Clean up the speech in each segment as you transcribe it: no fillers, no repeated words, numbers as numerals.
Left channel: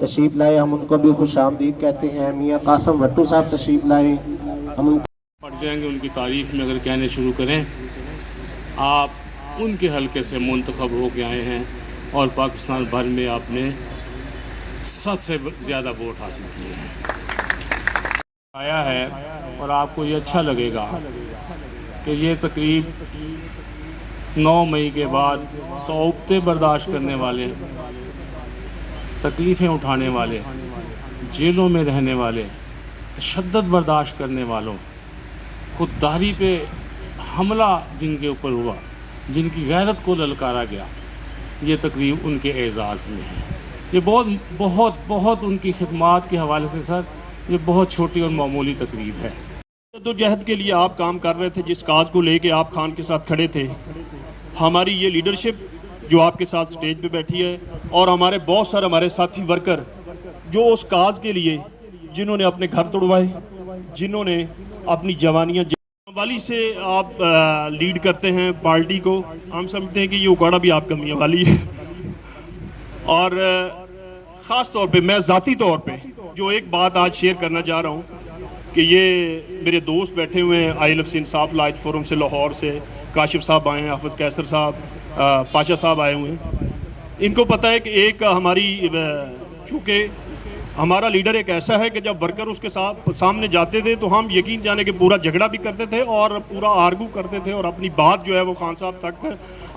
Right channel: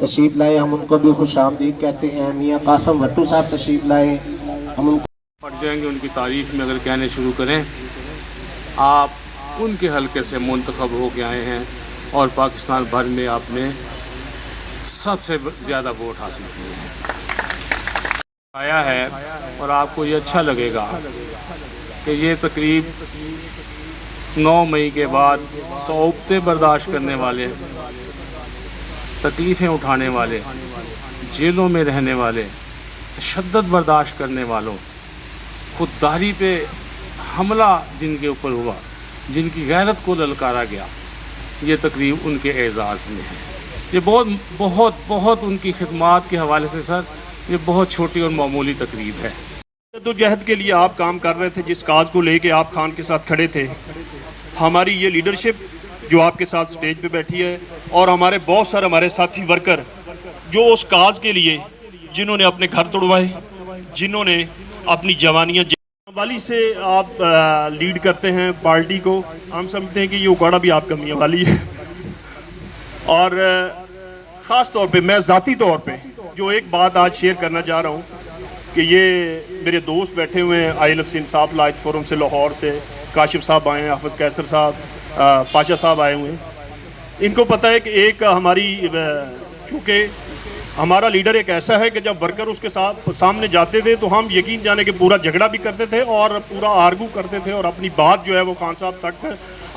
تشریف لائے, ہم ان کو بھی خوش آمدید کہتے ہیں. میاں قاسم بھٹو صاحب تشریف لائے, ہم ان پڑ جائیں گے ان کی تعریف میں اگر کہنے شروع کریں. آپ ان کے حلقے سے منتخب ہو کے آئے ہیں اور پاکستان بھر میں آپ نے سب سے زیادہ ووٹ حاصل کیے ہیں. آیا ہے اور آپ کو یہ اچھا لگے گا کہ یہ تقریب 9 مئی کے بعد صعوبتیں برداشت کرنے والے, تکلیفیں اٹھانے والے, جیلوں میں رہنے والے, تشدد برداشت کرنے والوں, خودداری پہ حملہ جن کے اوپر ہوا, جن کی غیرت کو للکارا گیا, یہ تقریب ان کے اعزاز میں ہے. یہ بہت بہت بہت ان کی خدمات کے حوالے سے سر یہ بہت چھوٹی اور معمولی تقریب ہے. جدوجہد کے لیے آپ کام کر رہے تھے, جس کاز کو لے کے آپ خان کے ساتھ کھڑے تھے, ہماری یہ لیڈرشپ جو آپ کے ساتھ سٹیج پہ بیٹھی ہے, اور ہمارے بہت سارے ہمارے ساتھی ورکر جو اس کاز کے لیے جنہوں نے اپنے گھر توڑوائے, جنہوں نے اپنی جوانیاں والی سے آپ لیڈ کرتے ہیں پارٹی کو. ہم سمجھتے ہیں کہ یہ اکاڑا بھی آپ کا میاں والی ہے. اور خاص طور پہ میں ذاتی طور پہ جو ایک بات آج شیئر کرنا چاہ رہا ہوں کہ یہ میرے دوست بیٹھے ہوئے ہیں آئی لفظ انصاف لائٹ فورم سے, لاہور سے کاشف صاحب آئے ہیں, حافظ کیسر صاحب, پاشا صاحب آئے ہوئے ہیں. ان کو پتہ ہے کہ ایک ہماری, چونکہ ہمارا لیڈر ایک ایسا ہے کہ جب ورکر اس کے ساتھ سامنے جاتے تھے تو ہم یقین جانے کہ پورا جھگڑا بھی کرتے تھے اور پورا آرگو کرتے تھے, اور اپنی بات جو ہے وہ خان صاحب تک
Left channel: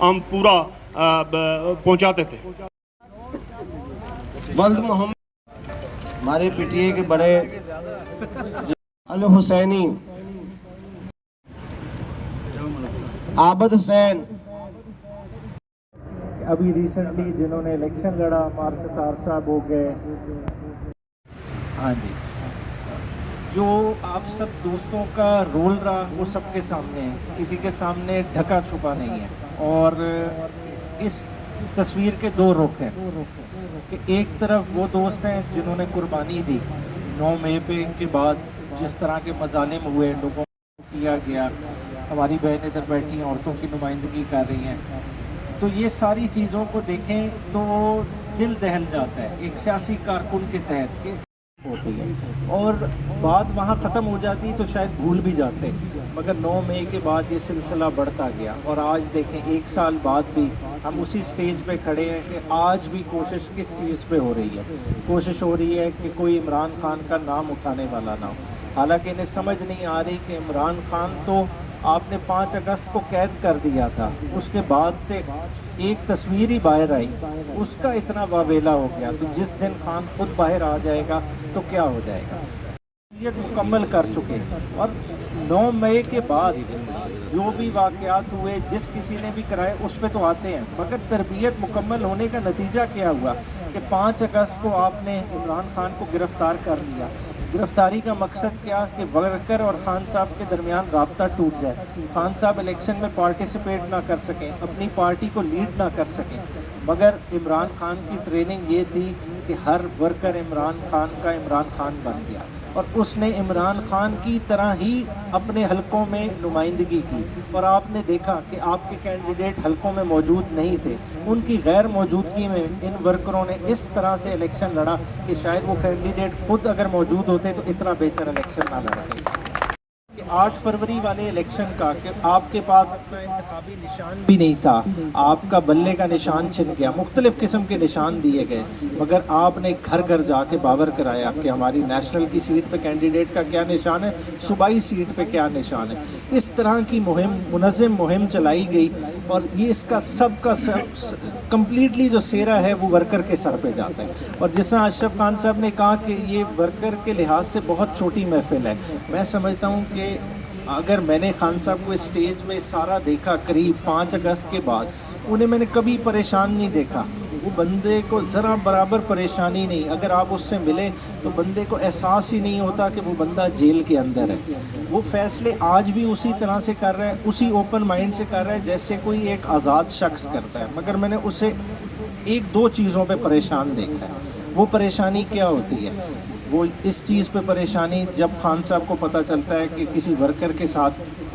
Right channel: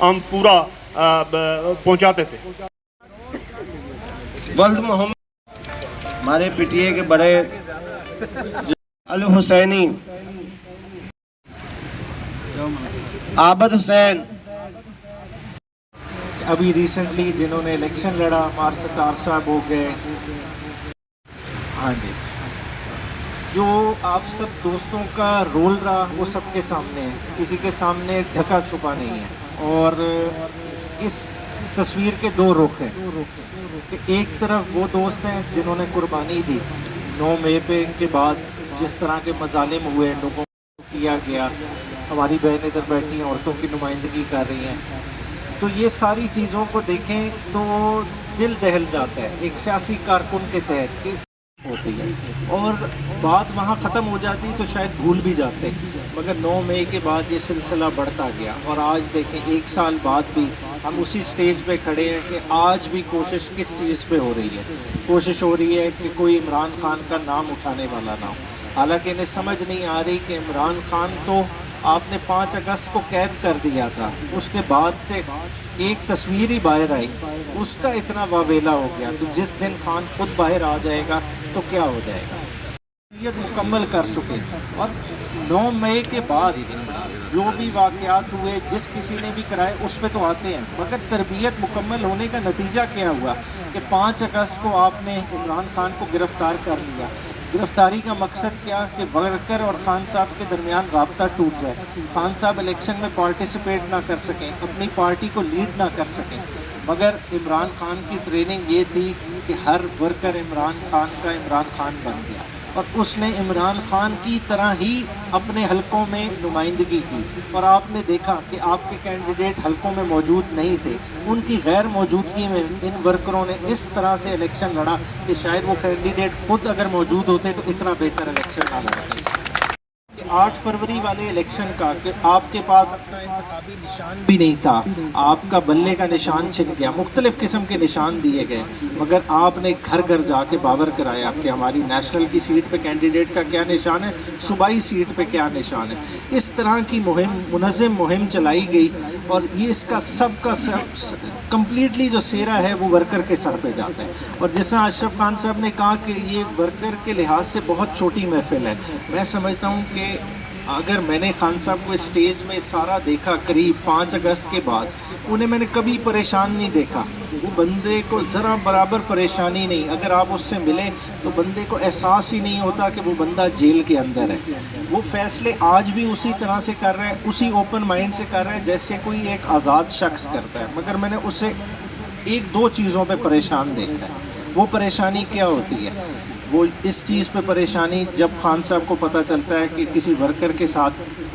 ہم پورا پہنچاتے تھے. ولد محمد ہمارے پی ٹی اے کے بڑے الحسینی عابد حسین, ابھی ریسنٹلی جنہوں نے الیکشن لڑا, مار ستار صاحب ہو گئے. ہاں جی, جو آپ سب دوستوں کا رول رہا وہ سب کے سامنے ہے, کسی کے سامنے ڈھکا چھپا نہیں ہے. اور اس تصویر کے دو رخ ہیں کہ ایک طرف وہ دوست ہیں جنہوں نے قربانی دی 9 مئی پہ کے بعد, جس طرح کے مظالم ہوئے, لوگوں کو کیا گیا. ہماری بہنیں ادھر بیٹھی ہیں, عورتوں کی نمائندگی کر رہی ہیں, تو یہ ساری چیزوں کو دیکھیں تو دل دہل جاتا ہے. ایک سیاسی کارکن کے تحت ہوتی ہے, اور بات وہاں ختم ہو جاتی تو شاید بھول بھی جاتے, مگر 9 مئی کے بعد یہ سلسلہ بڑھتا گیا. اور آج دیکھیں 1 سال بعد بھی ہم اسی سٹیج پہ کھڑے ہیں کہ آج بھی کوشش کس چیز پہ ہو رہی ہے. کوشش ہو رہی ہے کہ کوئی عمران خان کا نام اٹھانے والا نہ ہو. حالانکہ انہیں سمجھ نہیں آ رہی کہ عمران خان تو آپ نے 5 اگست کو قید کر دیا تھا, اس کے بعد سے ایک تصویر ہی باہر آئی, اس کا اتنا واویلا ہو گیا. تو جس دن خان خود باہر آ جائے گا تو کیا ہو جائے گا. یہ مکمل کر چکے, اور 9 مئی کے بعد جو بھی واقعات ہوئے جس کسی نے بھی کرائے اس پہ تو آتے ہیں, مگر تربیت مکمل ہونے کا نتیجہ کیا ہوا کہ 5 اگست کو آپ نے عمران خان کو گرفتار کر لیا. گرفتاری کا مقصد کیا کہ ورکر اور خان صاحب کے درمیان رابطہ ٹوٹ جائے, خان صاحب الیکشن میں پارٹیسپیٹ نہ کر سکیں, اپنی پارٹی کو لیڈ نہ کر سکیں. مگر عمران خان کی ٹریننگ یہ تھی کہ ہر ورکر عمران خان کا عمران خان بن گیا, اور اس نے عمران خان کی طرح ہی اپنے حلقوں میں نمائندگی کی. اور آپ نے دیکھا کہ آپ کے کینڈیڈیٹ حلقوں میں موجود نہیں تھے, ان کی غیر موجودگی میں ان ورکروں نے اس طرح سے الیکشن لڑا کہ شاید وہ کینڈیڈیٹ خود اگر موجود ہوتے تو اتنا بہتر الیکشن نہ لڑتے. 8 فروری والے الیکشن کا کہ آپ کے پاس اپنا انتخابی نشان بھی نہیں تھا, آپ کا بلے کا نشان چھن گیا, مختلف قسم کے نشان دیے گئے, مگر آپ نے گھر گھر جا کے باور کرایا کہ ہماری نیشنل کی سیٹ پہ کینڈیڈیٹ کا کیا نشان ہے, صوبائی سیٹ پہ کیا نشان ہے. اس طرح کی منظم مہم چلائی گئی, اور یہ اس کا سب کا کمپلیٹلی جو سیرا ہے وہ ورکر کے سر پہ جاتا ہے. اور جس طرح اشرف خان صاحب نے کہا کہ یہ ورکر کے لحاظ سے بہت چھوٹی محفل ہے, میں سمجھتا ہوں کہ اگر میں نے خان صاحب کو اسٹیج میں سارا دیکھا قریب 5 اگست کے بعد, انہیں میں نے کبھی پریشان نہیں دیکھا. وہ بندے کو ذرا برابر پریشانی نہیں, اگر آپ اس سے ملیں تو بندے کو احساس ہی نہیں ہوتا کہ وہ بندہ جیل کے اندر ہے. وہ فیصلے آج بھی اسی طرح سے کر رہے ہیں, اسی اوپن مائنڈ سے کر رہے ہیں جیسے کوئی ایک آزاد شخص کرتا ہے. مگر میں نے اسے 1-2 چیزوں پہ پریشان دیکھا ہے. وہ پریشانی کیا ہوتی ہے؟ وہ اس چیز پہ پریشانی جب خان صاحب کو پتہ چلتا ہے کہ کسی ورکر کے ساتھ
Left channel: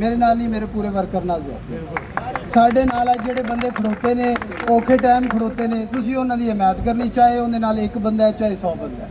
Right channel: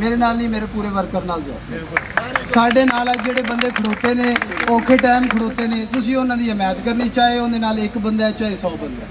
ਮੇਰੇ ਨਾਲ ਨਹੀਂ ਮੇਰੇ ਪੂਰੇ ਵਰਕਰ ਨਾਲ ਜ਼ਿਆਦਤੀ। ਸਾਡੇ ਨਾਲ ਆ ਜਿਹੜੇ ਬੰਦੇ ਖੜੋਤੇ ਨੇ ਔਖੇ ਟਾਈਮ ਖੜੋਤੇ ਨੇ, ਤੁਸੀਂ ਉਹਨਾਂ ਦੀ ਹਮਾਇਤ ਕਰਨੀ, ਚਾਹੇ ਉਹਦੇ ਨਾਲ ਇੱਕ ਬੰਦਾ ਹੈ ਚਾਹੇ 100 ਬੰਦਾ ਹੈ।